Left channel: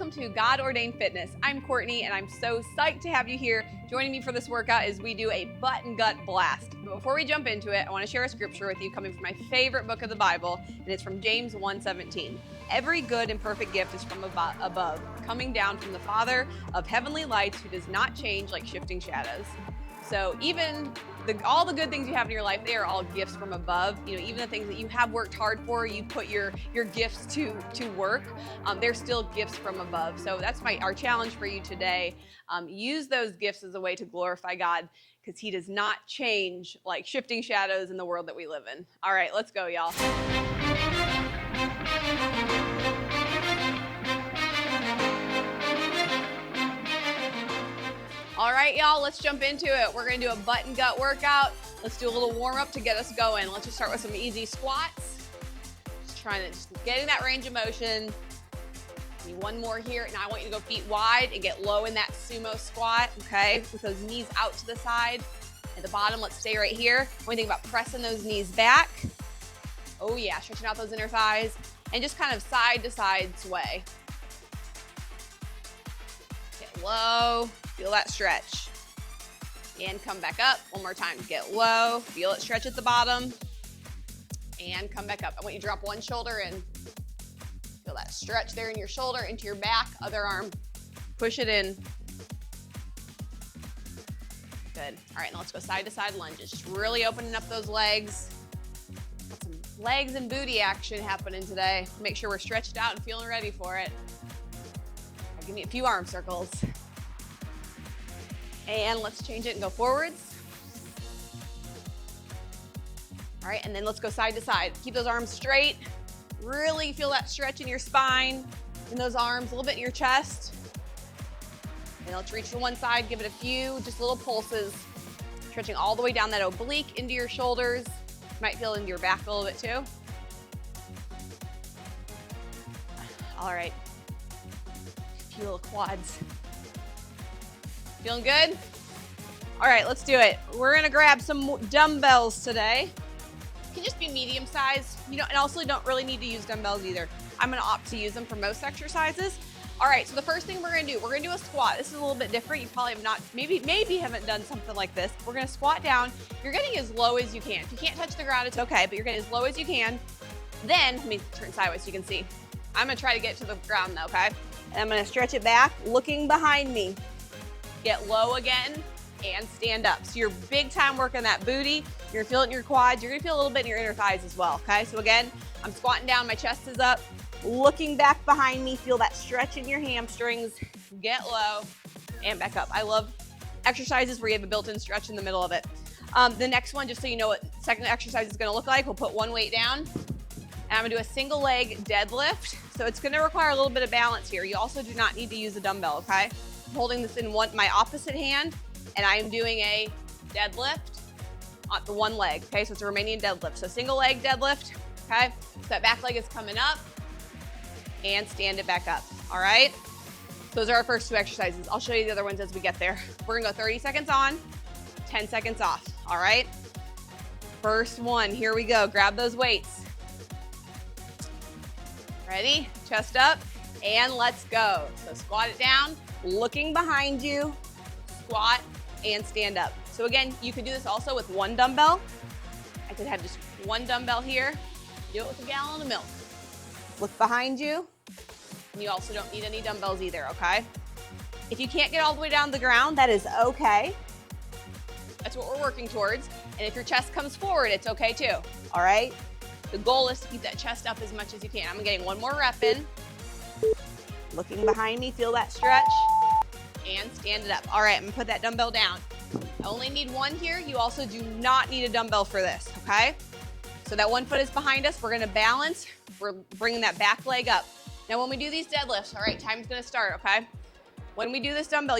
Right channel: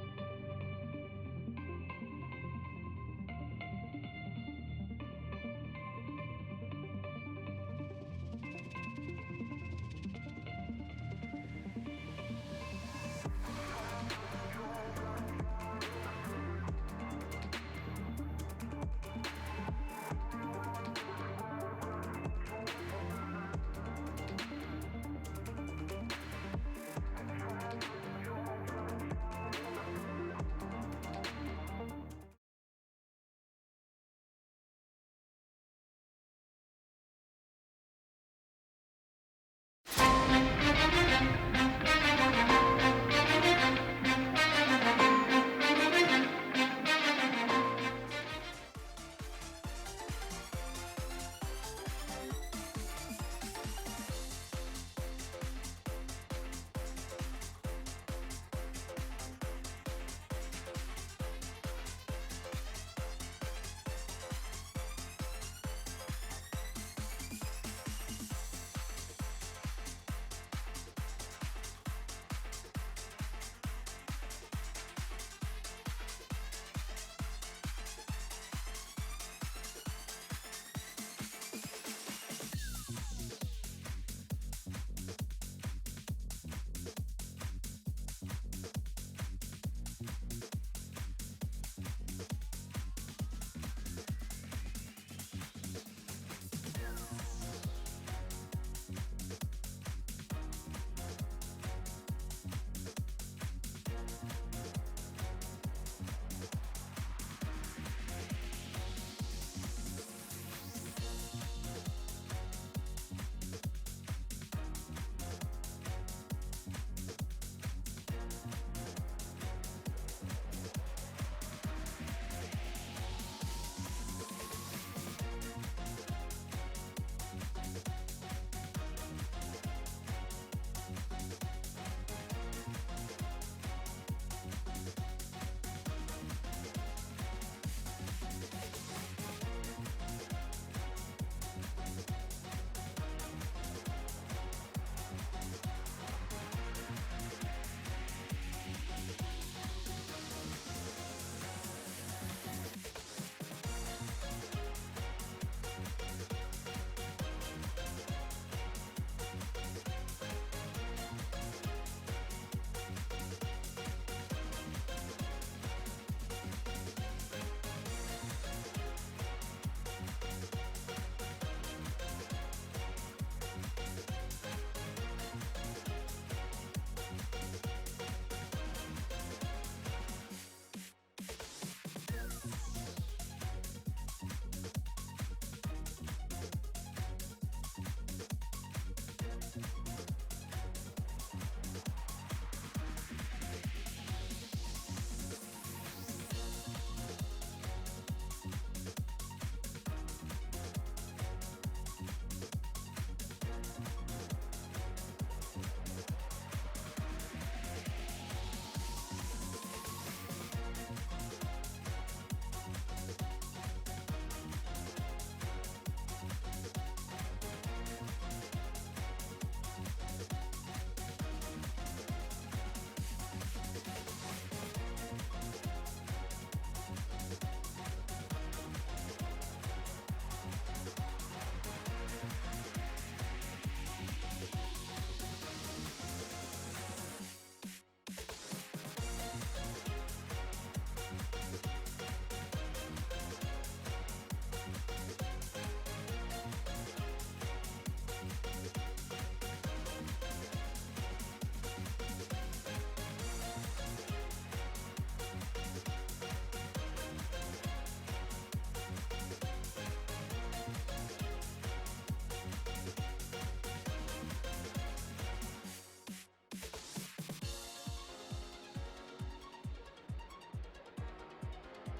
welcome to God Ordained Fitness. I'm Courtney and I'm so psyched to have you here joining me for this workout as we do a butt and gut blast. But before we jump into it, I want to share a scripture with you coming from my favorite book of the Bible, and it's from James 1:17. Every good and perfect gift is from above, coming down from the Father of heavenly lights, who does not change like shifting shadows. So even all the good things you have in your life, they are all gifts from above. You know, even the things that you have worked hard for, you put your gifts to work, they're still gifts from above. So that's our challenge for you today. Use those gifts as a way to glorify God, because He does not change like shifting shadows in the world that we live in. All right, let's go, y'all. All right, y'all, let's jump into it. We're gonna do a butt and gut workout. Let's do a little warm up to get us going. Let's just start with some easy squats. Just trying to get in that range of motion. One more here. Now I want you to go feet wide and get low in that sumo squat, okay? With those knees out to the side. At the bottom, let's stay right here. When you think about pressing those knees back. Oh yeah, stretching out those inner thighs. And just kind of side to side sway. Get low. Feel that stretch. And come back up. One more time. Get low. Feel it stretch at the bottom. And come back up. I want you to drop one shoulder in. Feel that stretch there in your shoulder, into your back. Other arm. Push it in. Good. All right, now let's go side to side lunges. Just really opening up those legs. Some legs and booty action happening today. Make sure we're stretched out and feeling ready for it. Give me a few arm circles. And let's change it and go forwards. All right, and then let's go side to side. Keep those arms straight. Really feel that stretch in your spine, in those arms, a little bit in your chest. And let's reach to one side, give it a few, just little pulses. Stretching all the way down that oblique into your shoulders. You might feel into your back a little bit too. All right, a few little quads. Feeling good? All right, let's do it. We're gonna grab some dumbbells today. It can just be medium size. And also you don't really need to use dumbbells either. I'm gonna opt to use them for most exercises. All right, so the first thing we're gonna do a squat. This is a little bit different. You probably have not, maybe haven't done something like this. We're gonna squat down. You're getting as low as you can. If you can't touch the ground, it's okay, but you're getting as low as you can. Then, let me turn sideways so you can see. I'm gonna try to get to the ground though, okay? And I'm gonna stretch it back, looking behind me. Get low again and stand up. So you're big time working that booty. You're feeling your quads. You're gonna feel a little bit in your inner thighs as well, okay? So again, I'm squatting down, my chest is up, looking back behind me, feel that stretch in your hamstrings, get low and back up. I love exercises where you have a built-in stretch in the middle of it. The next one, just so you know what second exercise is gonna look like, we'll put one weight down and I'm gonna do a single leg deadlift. So it's gonna require a little bit of balance here. You also do not need to use a dumbbell, okay? I'm holding this in my opposite hand, and I'm doing a deadlift on the one leg, okay? So it's a Romanian deadlift. So single leg deadlift, okay? So that back leg is coming up, and stand it back up, all right? Those are our first two exercises. I'll show you the other ones as we get there. We're gonna go 30 seconds on, 10 seconds off, all right? First one, here we go. Grab those weights. Ready? Chest up, and let's go. So squat it down, looking behind you, squat, and stand up. So again, you could do this also with one dumbbell. I could have just one dumbbell here. Do it with a gallon of milk. Look behind you. And you also don't need any dumbbells either, okay? If you can't get all the way down to the ground, that is okay. That's what we're working towards. And if your chest comes forward, it's okay too, all right? The goal is to keep that chest up as much as you can. I'm getting one more rep in. Looking behind me, feel that stretch, and stand it up. All right, I'm gonna put that dumbbell down. I only need one here. You also do not need a dumbbell for this, okay? So that one foot is behind us. We're gonna balance. We're bringing that back leg up. Now when we do these deadlifts, all right, time's gonna start, okay? When we do this dumbbell,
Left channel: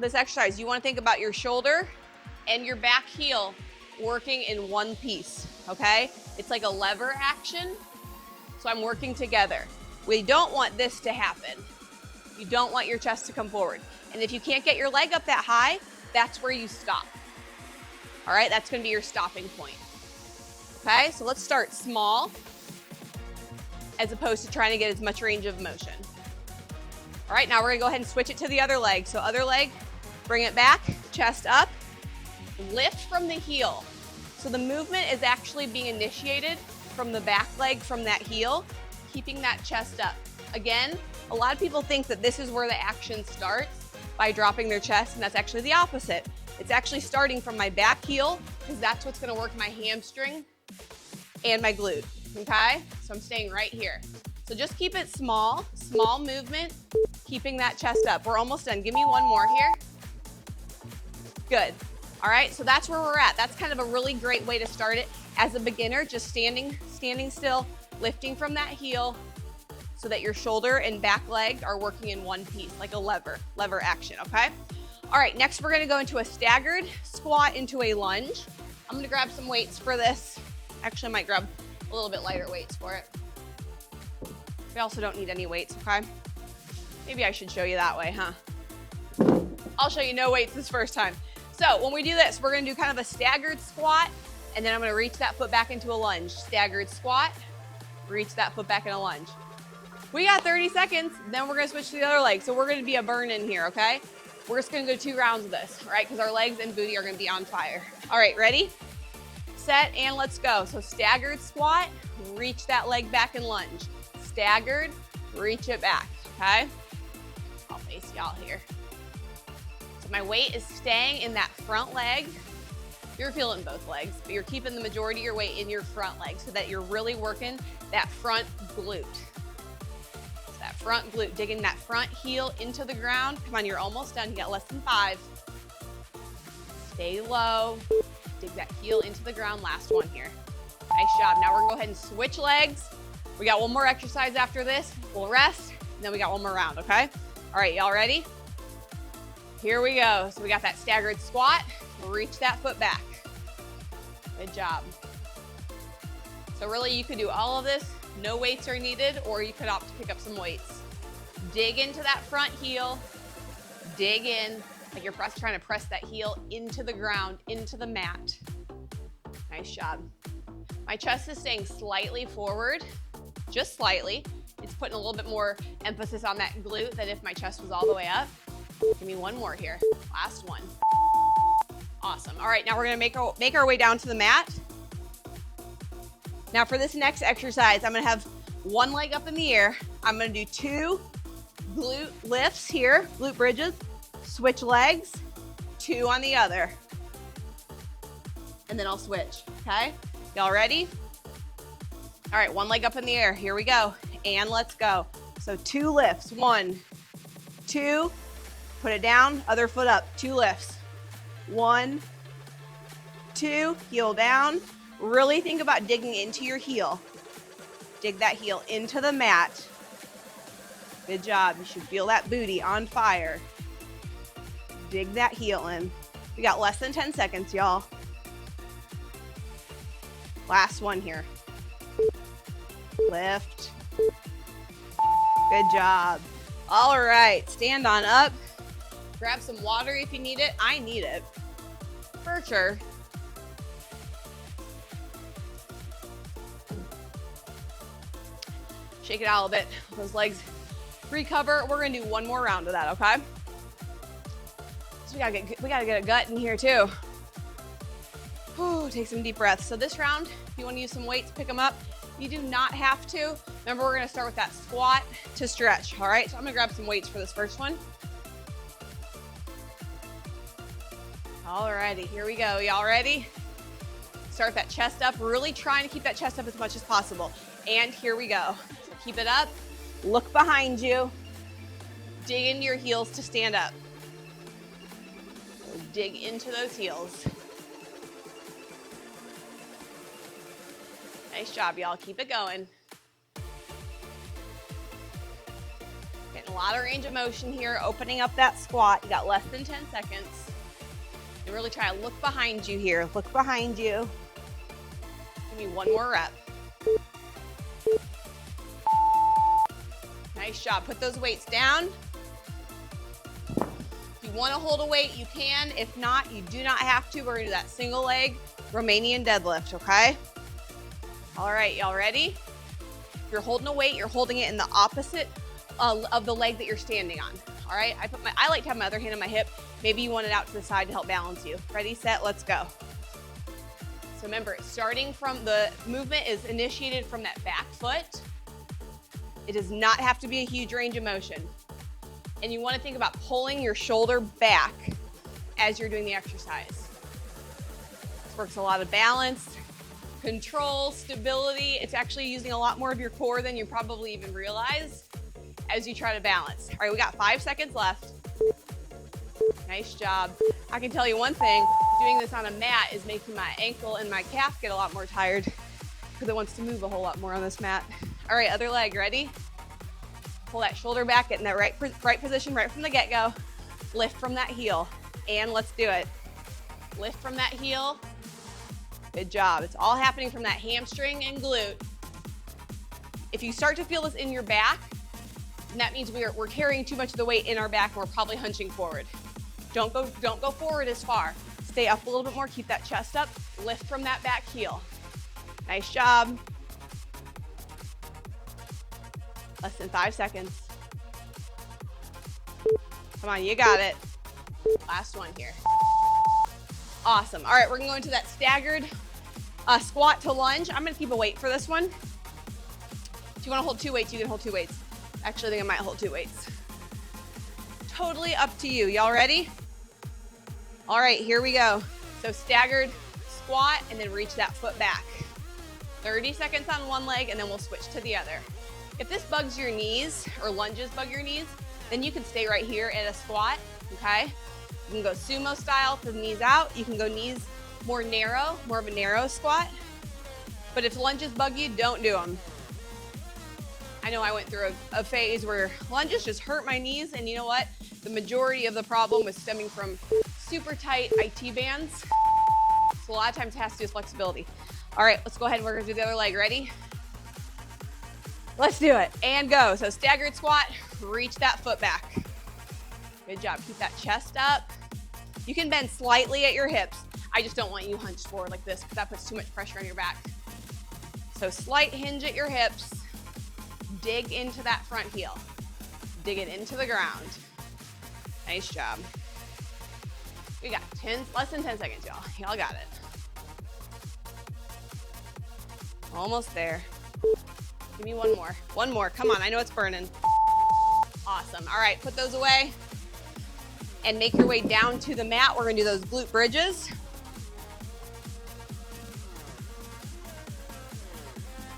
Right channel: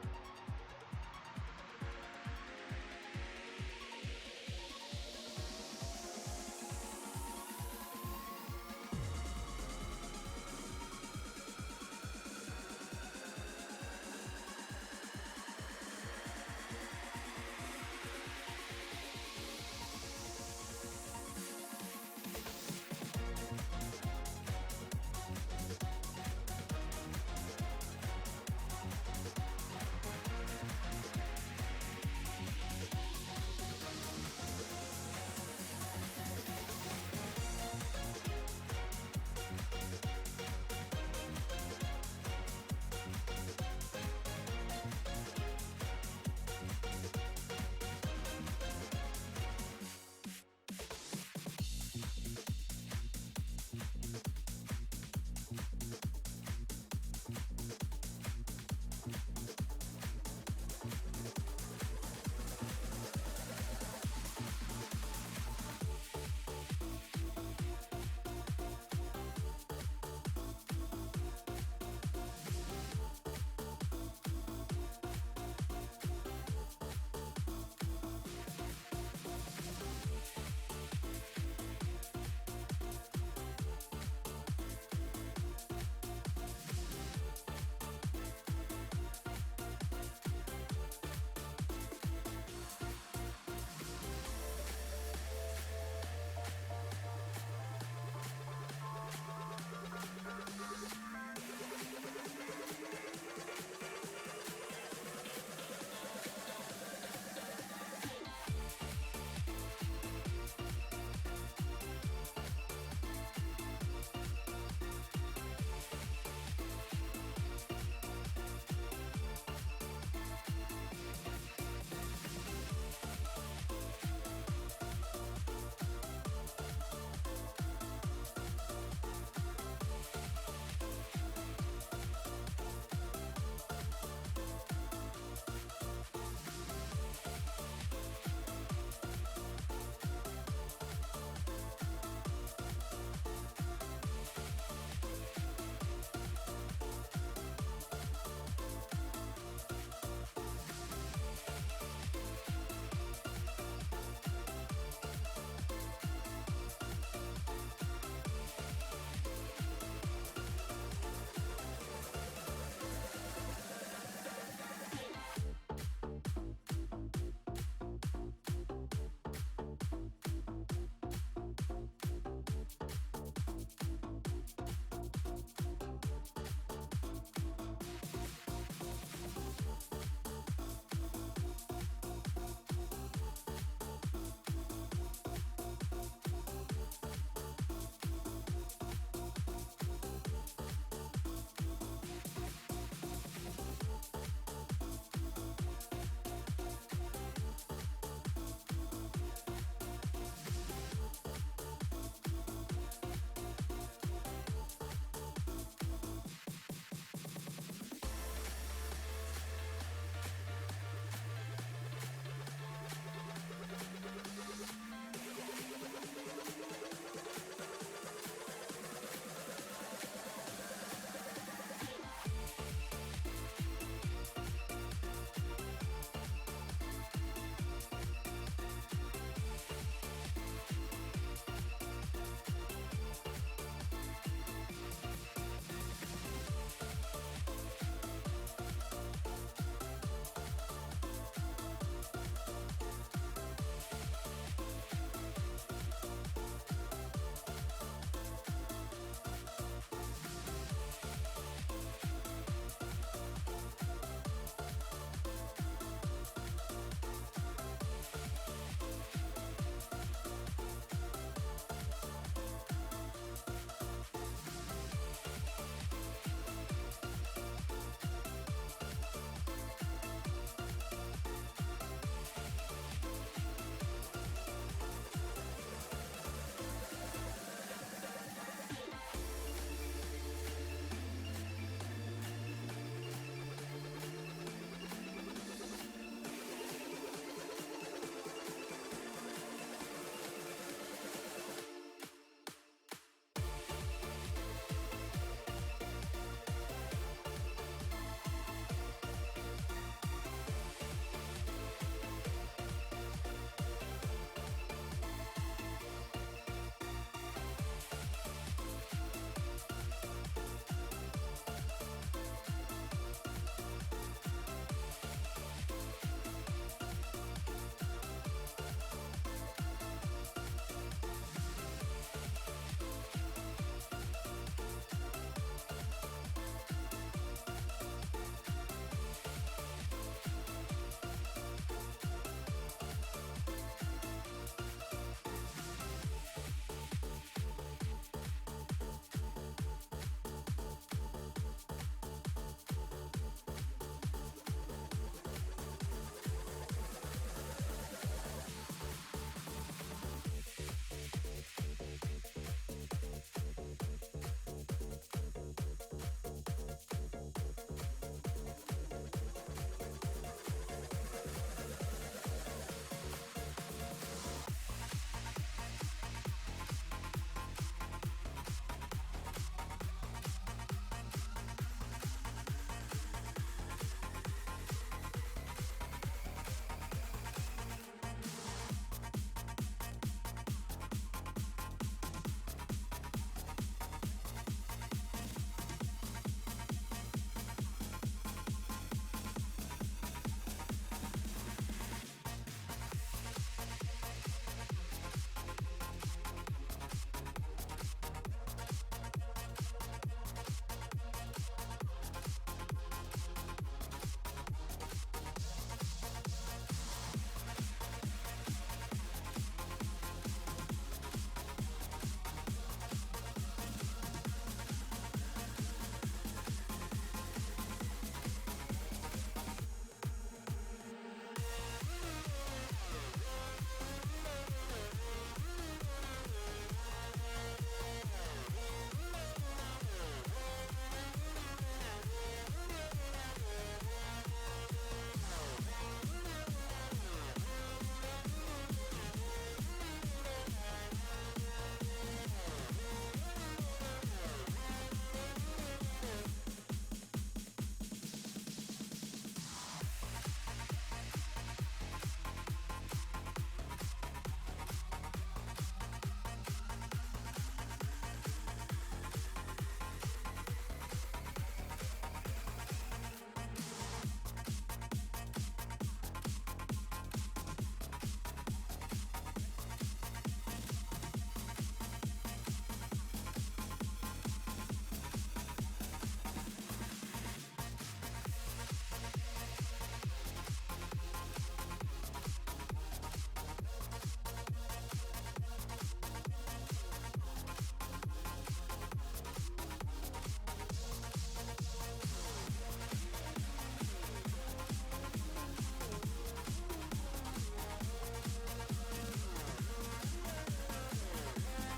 this exercise, you wanna think about your shoulder and your back heel working in one piece, okay? It's like a lever action, so I'm working together. We don't want this to happen. You don't want your chest to come forward. And if you can't get your leg up that high, that's where you stop. All right, that's gonna be your stopping point. Okay, so let's start small as opposed to trying to get as much range of motion. All right, now we're gonna go ahead and switch it to the other leg. So other leg, bring it back, chest up, lift from the heel. So the movement is actually being initiated from the back leg, from that heel, keeping that chest up. Again, a lot of people think that this is where the action starts, by dropping their chest, and that's actually the opposite. It's actually starting from my back heel, because that's what's gonna work my hamstring and my glute, okay? So I'm staying right here. So just keep it small movement, keeping that chest up. We're almost done. Give me one more here. Good. All right, so that's where we're at. That's kind of a really great way to start it as a beginner, just standing still, lifting from that heel so that your shoulder and back leg are working in one piece, like a lever action, okay? All right, next we're gonna go into a staggered squat into a lunge. I'm gonna grab some weights for this. Actually, I might grab a little bit lighter weights for it. We also don't need any weights, okay? Maybe I should show you that way, huh? I'll show you no weights this first time. So when we do this, we're gonna do kind of a staggered squat, and then I'm gonna reach that foot back into a lunge. Staggered squat, reach that foot back in a lunge. We got 30 seconds, then we're gonna switch to the other leg. So we're gonna be a burn in here, okay? We're just gonna go 2 rounds of this, right? Because our legs and booty are gonna be on fire. All right, ready? Set, and let's go. So staggered squat, reach that leg back and lunge. Staggered, reach it back, okay? I'll face you out here. So my weight is staying in that front leg. You're feeling both legs, but you're keeping the majority of your weight in your front leg so that you're really working that front glute. That front glute, digging that front heel into the ground. Come on, you're almost done. You got less than 5. Stay low. Dig that heel into the ground. Last one here. Nice job. Now we're gonna go ahead and switch legs. We got one more exercise after this. We'll rest, and then we got one more round, okay? All right, y'all ready? Here we go. So we got that staggered squat. Reach that foot back. Good job. So really, you could do all of this. No weights are needed, or you could opt to pick up some weights. Dig into that front heel. Dig in. Like you're trying to press that heel into the ground, into the mat. Nice job. My chest is staying slightly forward, just slightly. It's putting a little bit more emphasis on that glute than if my chest was all the way up. Give me one more here. Last one. Awesome. All right, now we're gonna make our way down to the mat. Now for this next exercise, I'm gonna have one leg up in the air. I'm gonna do 2 glute lifts here, glute bridges, switch legs, 2 on the other. And then I'll switch, okay? Y'all ready? All right, one leg up in the air. Here we go. And let's go. So 2 lifts. 1, 2, put it down, other foot up. 2 lifts. 1, 2, heel down. Really think about digging into your heel. Dig that heel into the mat. Good job. You should feel that booty on fire. Dig that heel in. We got less than 10 seconds, y'all. Last one here. Lift. Good job. All right, stand on up. Grab some water if you need it. I need it, for sure. Shake it out a little bit. Those legs recover. We're gonna do one more round of that, okay? So we gotta get a gut in here too. Whew, take some deep breaths. So this round, if you wanna use some weights, pick them up. You do not have to. Remember, we're gonna start with that squat to stretch, all right? So I'm gonna grab some weights for this first one. Alrighty, here we go. Y'all ready? Start that chest up. Really trying to keep that chest up as much as possible. And here we go. Keep it up. Look behind you. Dig into your heels to stand up. Dig into those heels. Nice job, y'all. Keep it going. Getting a lot of range of motion here. Opening up that squat. You got less than 10 seconds. And really try to look behind you here. Look behind you. Give me one more rep. Nice job. Put those weights down. If you want to hold a weight, you can. If not, you do not have to. We're going to do that single leg Romanian deadlift, okay? All right, y'all ready? If you're holding a weight, you're holding it in the opposite of the leg that you're standing on. All right, I like to have my other hand on my hip. Maybe you want it out to the side to help balance you. Ready, set, let's go. So remember, starting from the movement is initiated from that back foot. It does not have to be a huge range of motion. And you want to think about pulling your shoulder back as you're doing the exercise. Works a lot of balance, control, stability. It's actually using a lot more of your core than you probably even realize as you try to balance. All right, we got 5 seconds left. Nice job. I can tell you one thing, doing this on a mat is making my ankle and my calf get a lot more tired because it wants to move a whole lot more on this mat. All right, other leg, ready? Pull that shoulder back, get in that right position right from the get-go. Lift from that heel, and let's do it. Lift from that heel. Good job. It's all happening from that hamstring and glute. If you start to feel this in your back, that means we're carrying too much of the weight in our back and we're probably hunching forward. Don't go forward as far. Stay up a little bit more, keep that chest up, lift from that back heel. Nice job. Less than 5 seconds. Come on, you got it. Last one here. Awesome. All right, we're gonna go into that staggered squat to lunge. I'm gonna keep a weight for this one. If you wanna hold 2 weights, you can hold 2 weights. Actually, I think I might hold 2 weights. Totally up to you. Y'all ready? All right, here we go. So staggered squat and then reach that foot back. 30 seconds on one leg and then we'll switch to the other. If this bugs your knees or lunges bug your knees, then you can stay right here in a squat, okay? You can go sumo style for the knees out. You can go knees more narrow, more of a narrow squat. But if lunges bug you, don't do them. I know I went through a phase where lunges just hurt my knees, and you know what? The majority of the problem was stemming from super tight IT bands. So a lot of times it has to do with flexibility. All right, let's go ahead and we're gonna do the other leg. Ready? Let's do it, and go. So staggered squat, reach that foot back. Good job, keep that chest up. You can bend slightly at your hips. I just don't want you hunched forward like this because that puts too much pressure on your back. So slight hinge at your hips. Dig into that front heel. Dig it into the ground. Nice job. We got less than 10 seconds, y'all. Y'all got it. Almost there. Give me one more. One more. Come on, I know it's burning. Awesome. All right, put those away and make your way down to the mat. We're gonna do those glute bridges.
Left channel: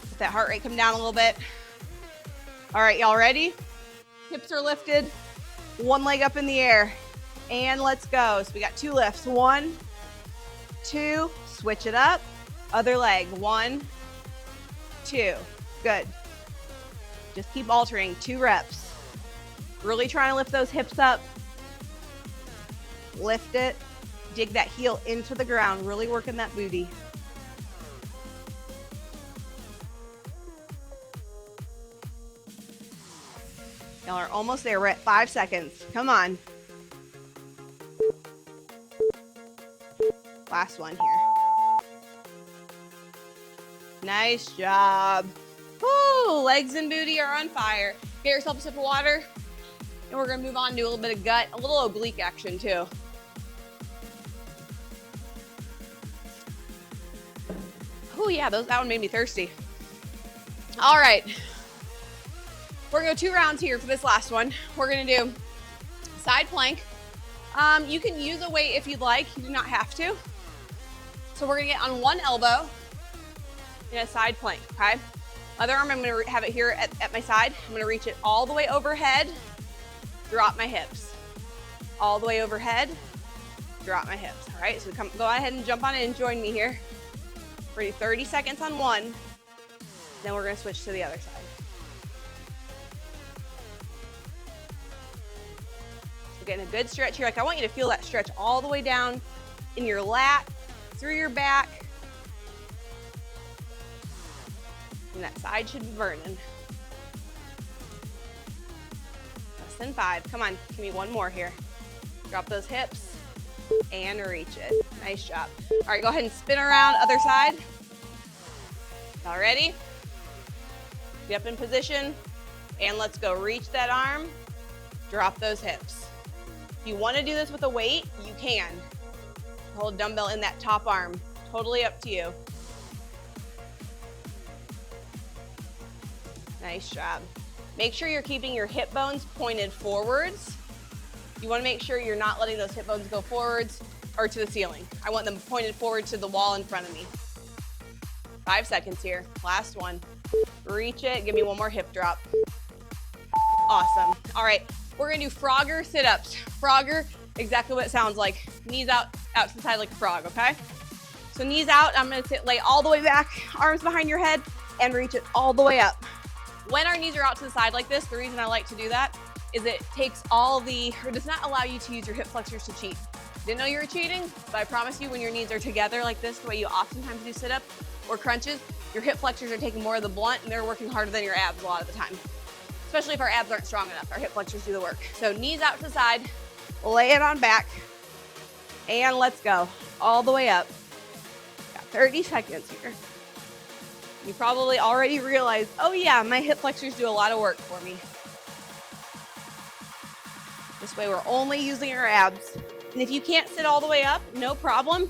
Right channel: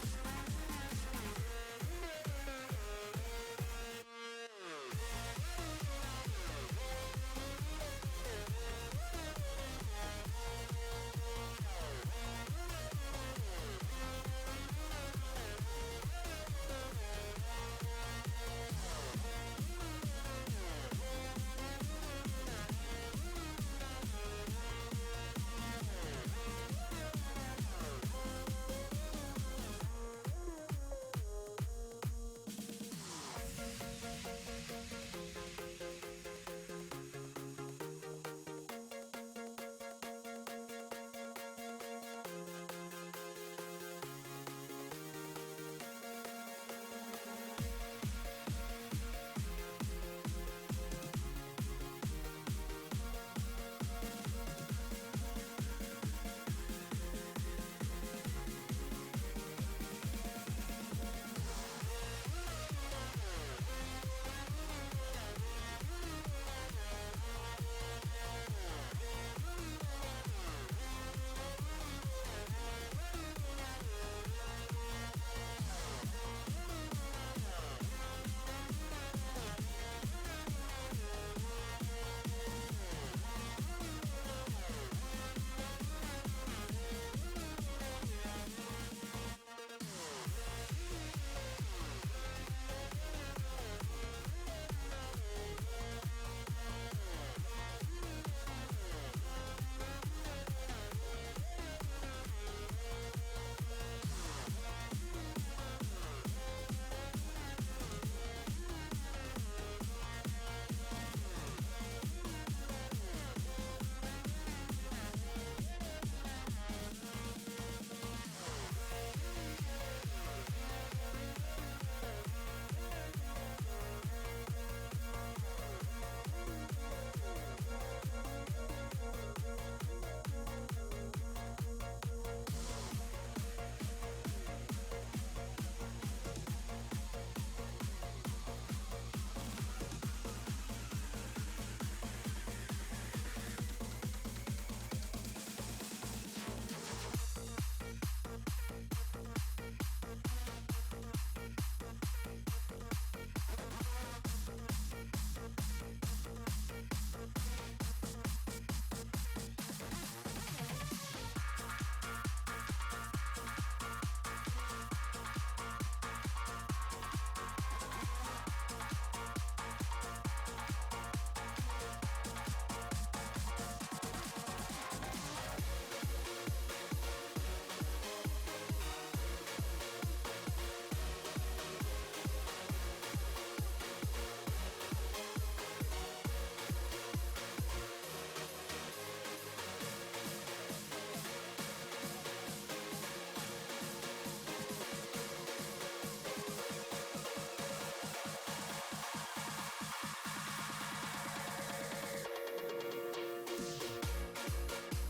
Let that heart rate come down a little bit. All right, y'all ready? Hips are lifted, one leg up in the air, and let's go. So we got 2 lifts. 1, 2, switch it up. Other leg, 1, 2, good. Just keep altering, 2 reps. Really trying to lift those hips up. Lift it, dig that heel into the ground, really working that booty. Y'all are almost there. We're at 5 seconds. Come on. Last one here. Nice job. Woo, legs and booty are on fire. Get yourself a sip of water. And we're gonna move on to a little bit of gut, a little oblique action too. Oh yeah, that one made me thirsty. All right. We're gonna go 2 rounds here for this last one. We're gonna do side plank. You can use a weight if you'd like, you do not have to. So we're gonna get on one elbow in a side plank, okay? Other arm, I'm gonna have it here at my side. I'm gonna reach it all the way overhead, drop my hips. All the way overhead, drop my hips. All right, so go ahead and jump on in and join me here. We're gonna do 30 seconds on one, then we're gonna switch to the other side. Getting a good stretch here. Like I want you to feel that stretch all the way down in your lat, through your back. And that side should be burning. Less than 5. Come on, give me one more here. Drop those hips and reach it. Nice job. All right, go ahead and spin around, other side. All ready? Get up in position. And let's go. Reach that arm, drop those hips. If you want to do this with a weight, you can. Hold dumbbell in that top arm. Totally up to you. Nice job. Make sure you're keeping your hip bones pointed forwards. You want to make sure you're not letting those hip bones go forwards or to the ceiling. I want them pointed forward to the wall in front of me. 5 seconds here. Last one. Reach it. Give me one more hip drop. Awesome. All right, we're gonna do Frogger sit-ups. Frogger, exactly what it sounds like. Knees out to the side like a frog, okay? So knees out, I'm gonna lay all the way back, arms behind your head, and reach it all the way up. When our knees are out to the side like this, the reason I like to do that is it takes or does not allow you to use your hip flexors to cheat. Didn't know you were cheating, but I promise you when your knees are together like this, the way you oftentimes do sit-ups or crunches, your hip flexors are taking more of the blunt and they're working harder than your abs a lot of the time. Especially if our abs aren't strong enough, our hip flexors do the work. So knees out to the side, lay it on back, and let's go. All the way up. Got 30 seconds here. You probably already realized, oh yeah, my hip flexors do a lot of work for me. This way we're only using our abs. And if you can't sit all the way up, no problem.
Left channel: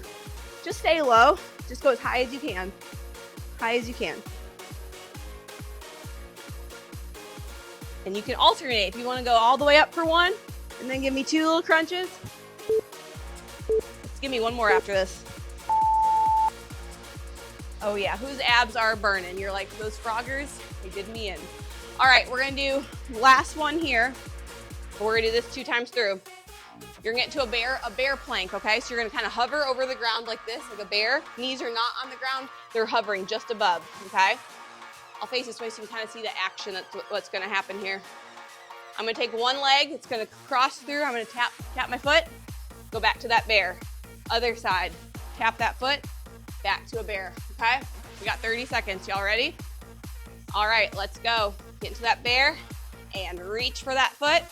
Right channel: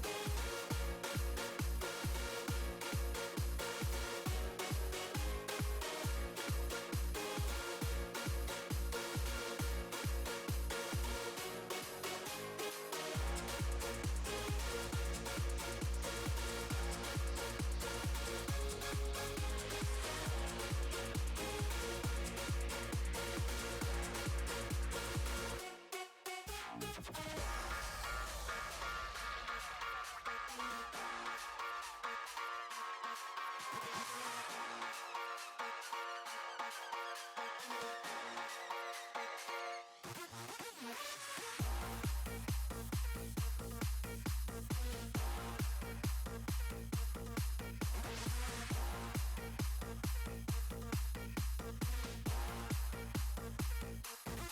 Just stay low. Just go as high as you can. High as you can. And you can alternate if you want to go all the way up for one, and then give me 2 little crunches. Give me one more after this. Oh yeah, whose abs are burning? You're like, those Froggers, you did me in. All right, we're gonna do the last one here. We're gonna do this 2 times through. You're gonna get to a bear plank, okay? So you're gonna kind of hover over the ground like this, like a bear. Knees are not on the ground, they're hovering just above, okay? I'll face this way so you can kind of see the action that's what's gonna happen here. I'm gonna take one leg, it's gonna cross through, I'm gonna tap my foot, go back to that bear. Other side, tap that foot, back to a bear, okay? We got 30 seconds, y'all ready? All right, let's go. Get into that bear and reach for that foot,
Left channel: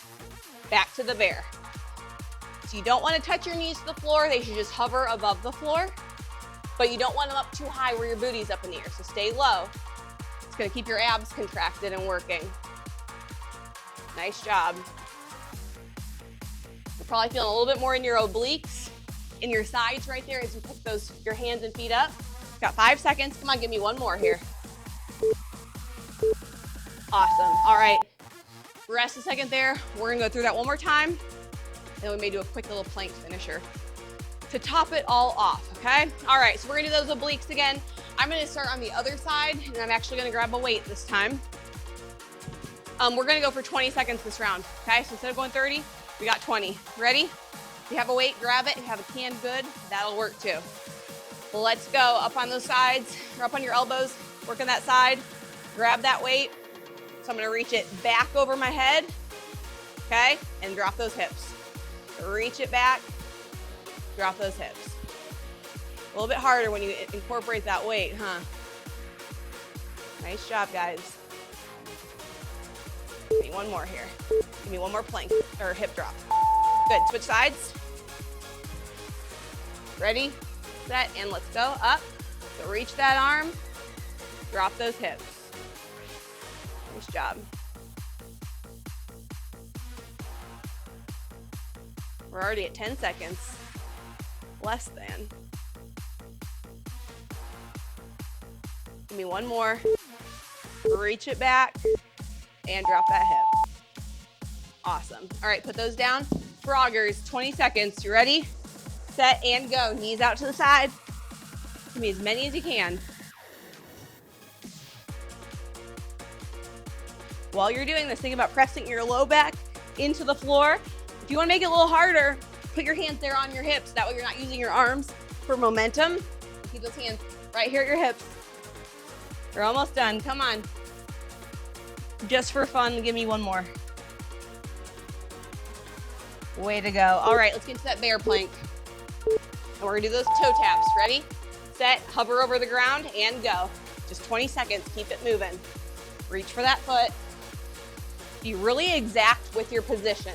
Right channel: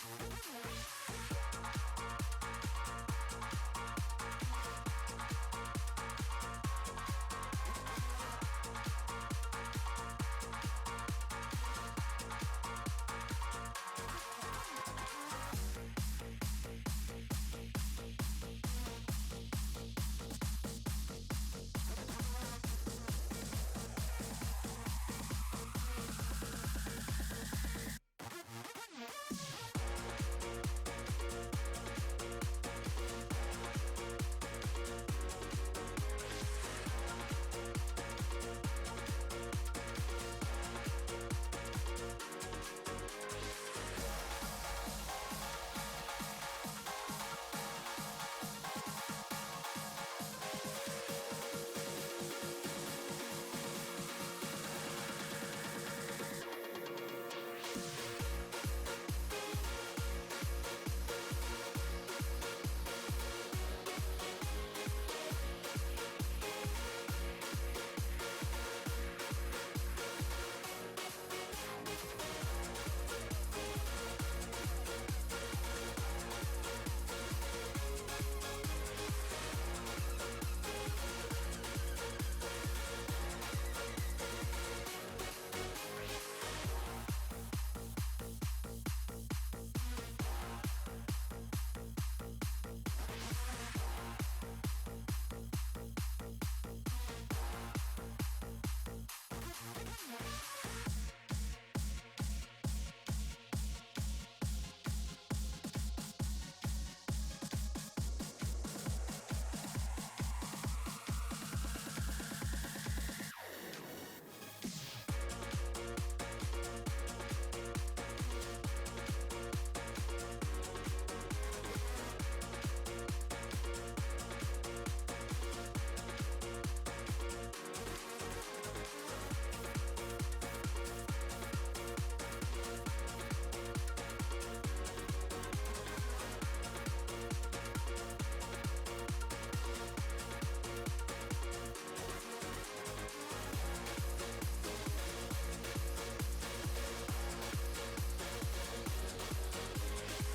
back to the bear. So you don't wanna touch your knees to the floor, they should just hover above the floor, but you don't want them up too high where your booty's up in the air, so stay low. It's gonna keep your abs contracted and working. Nice job. You're probably feeling a little bit more in your obliques, in your sides right there as you put your hands and feet up. Got 5 seconds. Come on, give me one more here. Awesome. All right. Rest a second there. We're gonna go through that one more time. Then we may do a quick little plank finisher to top it all off, okay? All right, so we're gonna do those obliques again. I'm gonna start on the other side, and I'm actually gonna grab a weight this time. We're gonna go for 20 seconds this round, okay? So instead of going 30, we got 20. Ready? If you have a weight, grab it. If you have a can, good. That'll work too. Well, let's go. Up on those sides, or up on your elbows, work on that side. Grab that weight. So I'm gonna reach it back over my head, okay? And drop those hips. Reach it back, drop those hips. A little bit harder when you incorporate that weight, huh? Nice job, guys. Give me one more here. Give me one more plank, or hip drop. Good, switch sides. Ready, set, and let's go. Up, so reach that arm, drop those hips. Nice job. We're already at 10 seconds. Less than. Give me one more. Reach it back and drop that hip. Awesome. All right, put those down. Froggers, 20 seconds. You ready? Set and go. Knees out to the side. Give me as many as you can. While you're doing this, think about pressing your low back into the floor. If you want to make it a little harder, put your hands there on your hips. That way you're not using your arms for momentum. Keep those hands right here at your hips. You're almost done. Come on. Just for fun, give me one more. Way to go. All right, let's get to that bear plank. We're gonna do those toe taps. Ready? Set, hover over the ground, and go. Just 20 seconds, keep it moving. Reach for that foot. Be really exact with your position.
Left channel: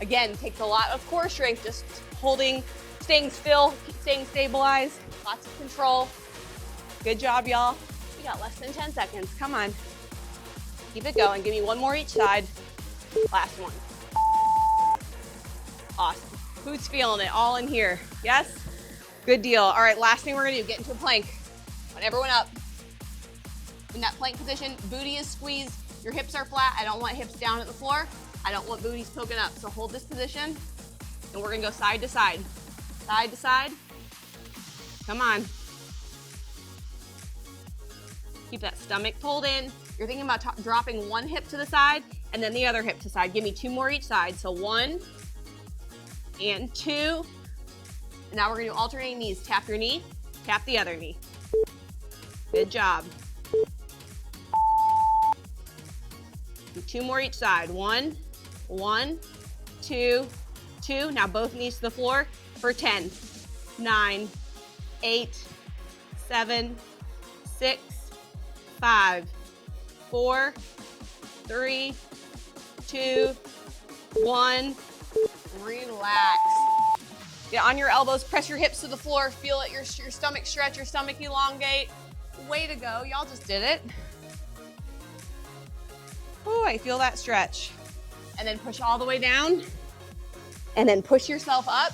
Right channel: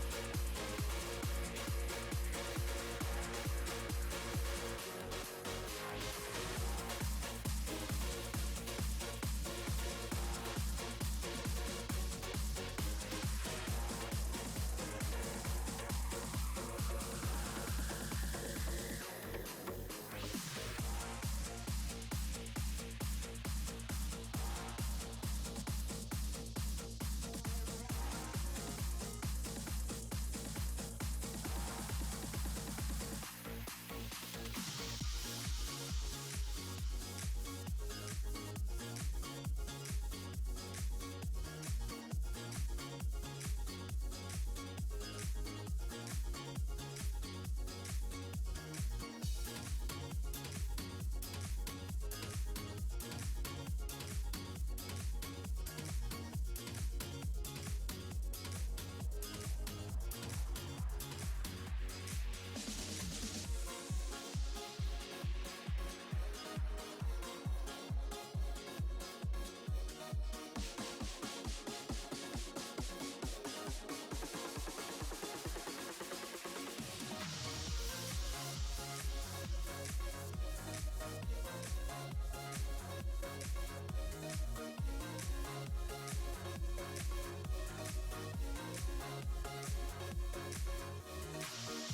Again, takes a lot of core strength, just holding, staying still, staying stabilized, lots of control. Good job, y'all. We got less than 10 seconds, come on. Keep it going. Give me one more each side. Last one. Awesome. Who's feeling it? All in here. Yes? Good deal. All right, last thing we're gonna do, get into a plank. Put everyone up. In that plank position, booty is squeezed. Your hips are flat. I don't want hips down at the floor. I don't want booties poking up. So hold this position, and we're gonna go side to side. Side to side. Come on. Keep that stomach pulled in. You're thinking about dropping one hip to the side and then the other hip to the side. Give me 2 more each side. So 1 and 2. Now we're gonna do alternating knees. Tap your knee, tap the other knee. Good job. 2 more each side. 1, 2, 2. Now both knees to the floor for 10, 9, 8, 7, 6, 5, 4, 3, 2, 1. Relax. Get on your elbows, press your hips to the floor, feel it, your stomach stretch, your stomach elongate. Way to go, y'all just did it. Ooh, I feel that stretch. And then push all the way down, and then push yourself up.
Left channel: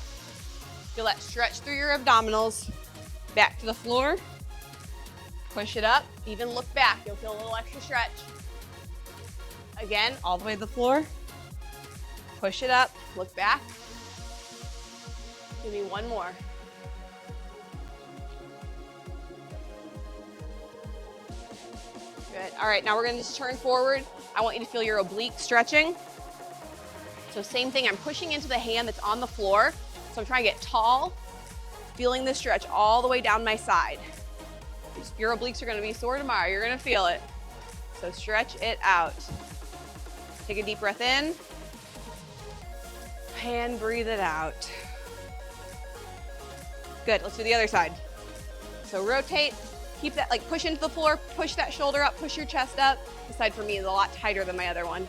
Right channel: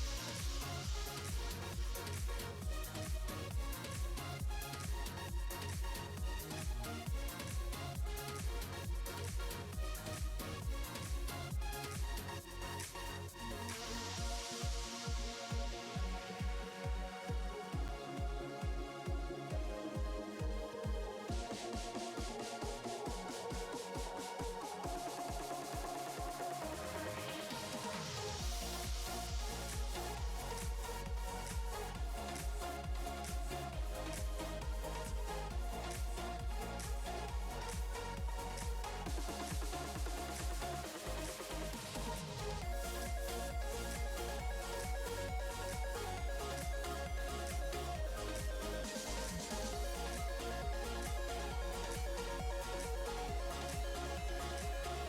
Feel that stretch through your abdominals. Back to the floor. Push it up, even look back. You'll feel a little extra stretch. Again, all the way to the floor. Push it up, look back. Give me 1 more. Good. All right, now we're gonna just turn forward. I want you to feel your oblique stretching. So same thing, I'm pushing into the hand that's on the floor. So I'm trying to get tall, feeling the stretch all the way down my side. Your obliques are gonna be sore tomorrow. You're gonna feel it. So stretch it out. Take a deep breath in. And breathe it out. Good, let's do the other side. So rotate, keep that, like push into the floor, push that shoulder up, push your chest up. This side for me is a lot tighter than my other one.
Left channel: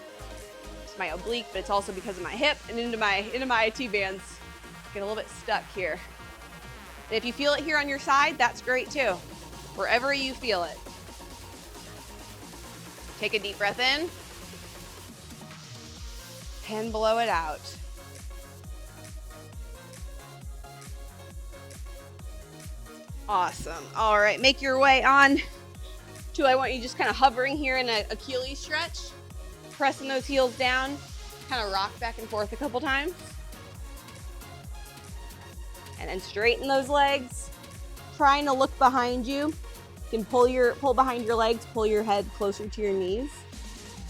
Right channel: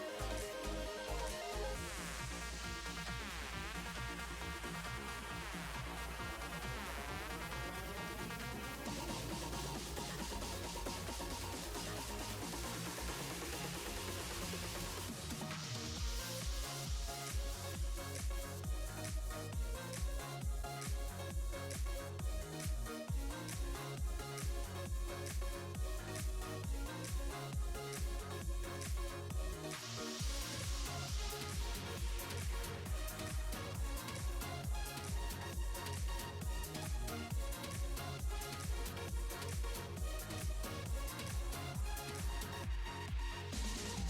It's my oblique, but it's also because of my hip and into my IT bands. Get a little bit stuck here. And if you feel it here on your side, that's great too. Wherever you feel it. Take a deep breath in. And blow it out. Awesome. All right, make your way on to, I want you just kind of hovering here in an Achilles stretch, pressing those heels down, kind of rock back and forth a couple times. And then straighten those legs, trying to look behind you. You can pull behind your legs, pull your head closer to your knees.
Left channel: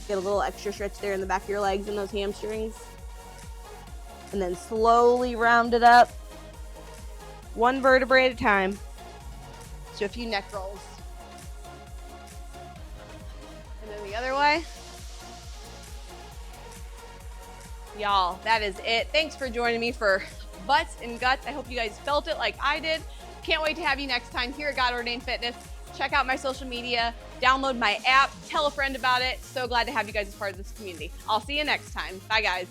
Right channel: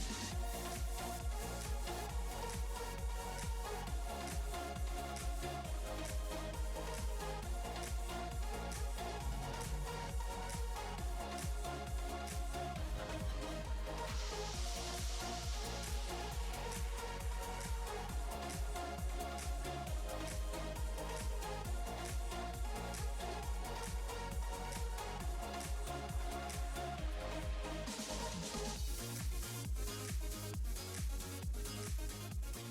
Get a little extra stretch there in the back of your legs and those hamstrings. And then slowly round it up, 1 vertebrae at a time. So a few neck rolls. And then the other way. Y'all, that is it. Thanks for joining me for Butts and Guts. I hope you guys felt it like I did. Can't wait to have you next time here at God Ordained Fitness. Check out my social media, download my app, tell a friend about it. So glad to have you guys as part of this community. I'll see you next time. Bye, guys.